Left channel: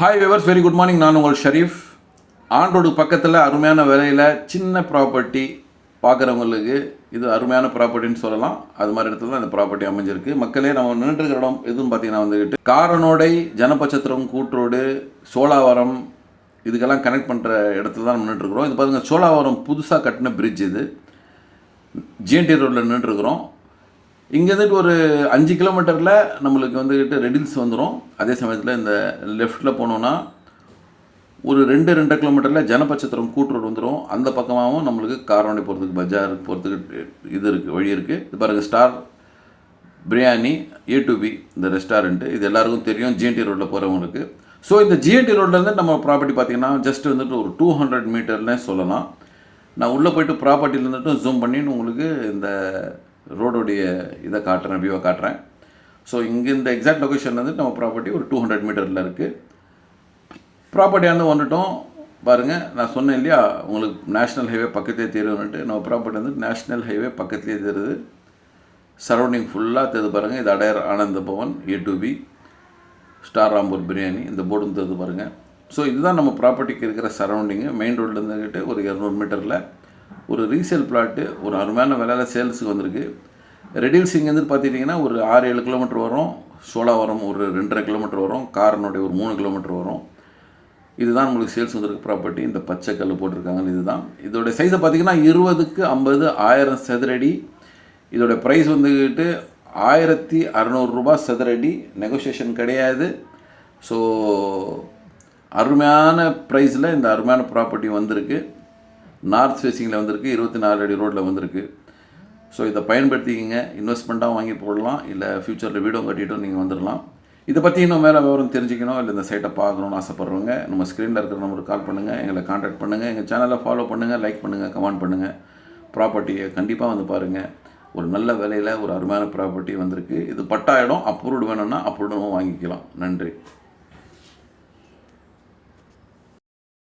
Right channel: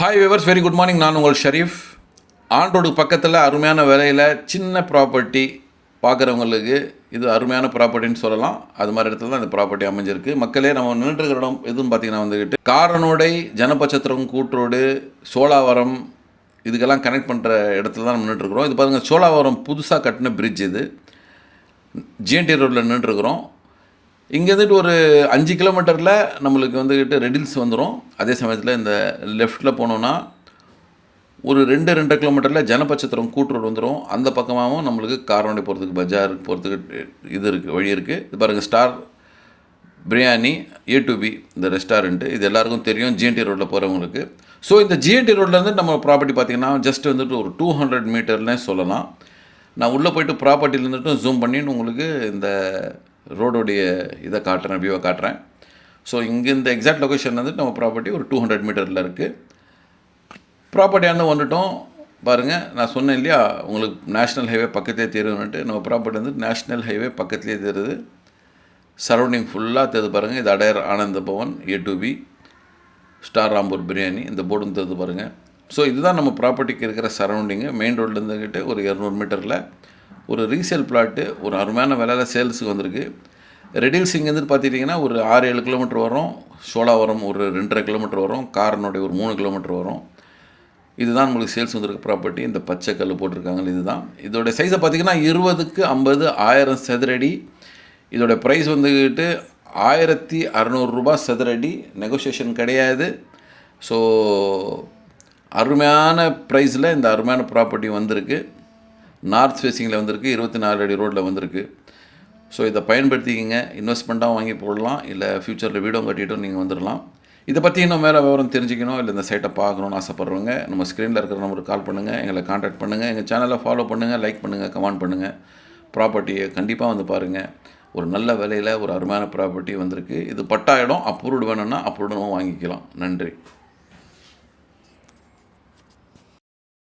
Hi viewers, very good morning. நான் உங்கள் Sharif. On road பக்கத்தில் அருமையான விலையில் சின்ன ப்ராப்பர்ட்டி பார்க்குறவங்களுக்கு இது அருமையான ப்ராப்பர்ட்டின்னு சொல்லலாம். அது மாதிரி இடத்துல தான் இந்த ப்ராப்பர்ட்டி அமைஞ்சிருக்கு. மக்களே, நம்ம நின்றுருக்கிற இடம் எதுன்னு பார்த்தீங்கன்னா வந்துக்கிட்டு காரனோடை, ஜனபச்சத்திரம், கூட்ரோடு, சோழாவரம் இதுக்கெல்லாம் கனெக்ட் பண்ணுற இடத்துல தான் நம்ம நின்றுருக்குறோம். இது பாருங்கள், சோழாவரம் புதுசாக கட்டின பிரிட்ஜ். இது ஜிஎன்டி ரோட்டில் நின்றுருக்குறோம். இங்கேருந்துட்டு ஒரு 5 கிலோமீட்டரில் நம்மளுக்கு வந்துக்கிட்டு ரெடில்ஸ் வந்துடும். அதே சமயத்தில் இந்த லெஃப்ட்டில் போனோன்னா ஒரு 2 கிலோமீட்டரில் ஜனபச்சத்திரம் கூட்டுரோடு வந்துடும். அந்த பக்கமாகவும் நம்மளுக்கு காரனோடை போகிறதுக்கு, பஜார் போகிறதுக்கு இது இருக்குது, வழி இருக்குது. இது பாருங்கள், ஸ்டார் பிரியாணி A2B இந்த ரெஸ்டாரண்ட்டு. இது எல்லாருக்கும் தெரியும் ஜிஎன்டி ரோட்டில் போகிறவங்களுக்கு. ஸோ இந்த ஜிஎன்டி ரோட்லேருந்து நம்ம ப்ராப்பர்ட்டி பார்த்திங்கன்னா ஜஸ்ட் வந்துட்டு ஒரு 200 மீட்டர்னே சொல்லலாம். நான் உள்ளே போய்ட்டு ப்ராப்பர்ட்டியில் இருந்துட்டு ஜூம் பண்ணிட்டு உங்களுக்கு இந்த ரோடோடைய இதை காட்டுறேன், வியூவை காட்டுறேன். ஸோ இங்கே இந்த எக்ஸாக்ட் லொக்கேஷன் வந்துட்டு நம்ம ப்ராப்பர்ட்டி ஒரு 200 மீட்டரில் இருக்குது. ப்ராப்பர்ட்டியானது வந்துட்டோம். பாருங்கள், நான் சொன்னேன் இல்லையா, உங்களுக்கு நேஷ்னல் ஹைவே பக்கத்திலே தெரியும்னுட்டு. நம்ம ப்ராப்பர்ட்டி வந்து நேஷ்னல் ஹைவே பக்கத்துலேயே தெரியுது. சரௌண்டிங் ஃபுல்லாக தெரியுது பாருங்கள். இது அடையார் ஆனந்த பவன், A2B, ஸ்டார் ராம்பூர் பிரியாணி, இந்த போர்டும் தெரியுது பாருங்கள். ஸோ இதுதான் நம்ம ப்ராப்பர்ட்டிக்கு இருக்கிற சரௌண்டிங்கு. மெயின் ரோட்லேருந்துக்கிட்டு ஒரு 200 மீட்டரில் ஒரு ரீசேல் பிளாட்டு ஒரு அருமையான விலையில் சேல்ஸுக்கு வந்திருக்கு. ரெடில்ஸ் இங்கேருந்து பார்த்துட்டிங்கன்னா ஒரு 6-7 கிலோமீட்டர் வரும். சோழாவரம் ஒரு 2.5 கிலோமீட்டர் வரும். காரனுடைய ஒரு 3 கிலோமீட்டர் வரும். இதுதான் உங்களுக்கு சேல்ஸ் வந்திருக்கு ப்ராப்பர்ட்டி. இந்த பச்சை கல் போட்டிருக்காங்க, இதுதான். இதோட சைஸை பார்த்திங்கன்னா 20க்கு 50 1000 சதுரடி. இதோட ப்ரைஸ் வந்துக்கிட்டு 1600 ரூபா சதுரடி. நெகோசியேஷன் கிடையாது. ஸோ அருமையான ப்ரைஸில் இந்த அருமையான ப்ராப்பர்ட்டி வந்திருக்கு. நார்த் ஃபேஸிங்கில் வந்திருக்கு, 24 அடி ரோட்டில் வந்திருக்கு. ஸோ இதை பயன்படுத்திக்கிங்க. இன்வெஸ்ட்மெண்ட்டாக வாங்கி போடலாம், இல்லை ஃப்யூச்சரில் வீடும் கட்டிட்டும் நீங்கள் வந்துடலாம். இதை பற்றி இன்னும் வேறு விவரம் தெரிஞ்சுக்கணும், இல்லை இந்த சைட்டை பார்க்கணுன்னு ஆசைப்பட்றவங்க நம்ம ஸ்க்ரீனில் இருக்கிற நம்பருக்கு கால் பண்ணுங்கள், எங்களை காண்டாக்ட் பண்ணுங்கள். எங்கள் சேனலை ஃபாலோ பண்ணுங்கள், லைக் பண்ணுங்கள், கமெண்ட் பண்ணுங்கள். ப்ராப்பர்ட்டியை கண்டிப்பாக வந்து பாருங்கள். ஒரு நல்ல விலையில் ஒரு அருமையான ப்ராப்பர்ட்டி வந்திருக்கு. இது பட்டா இடம். அப்ரூவ்டு வேணும்னா அப்ரூவ்டும் வாங்கிக்கலாம். நன்றி.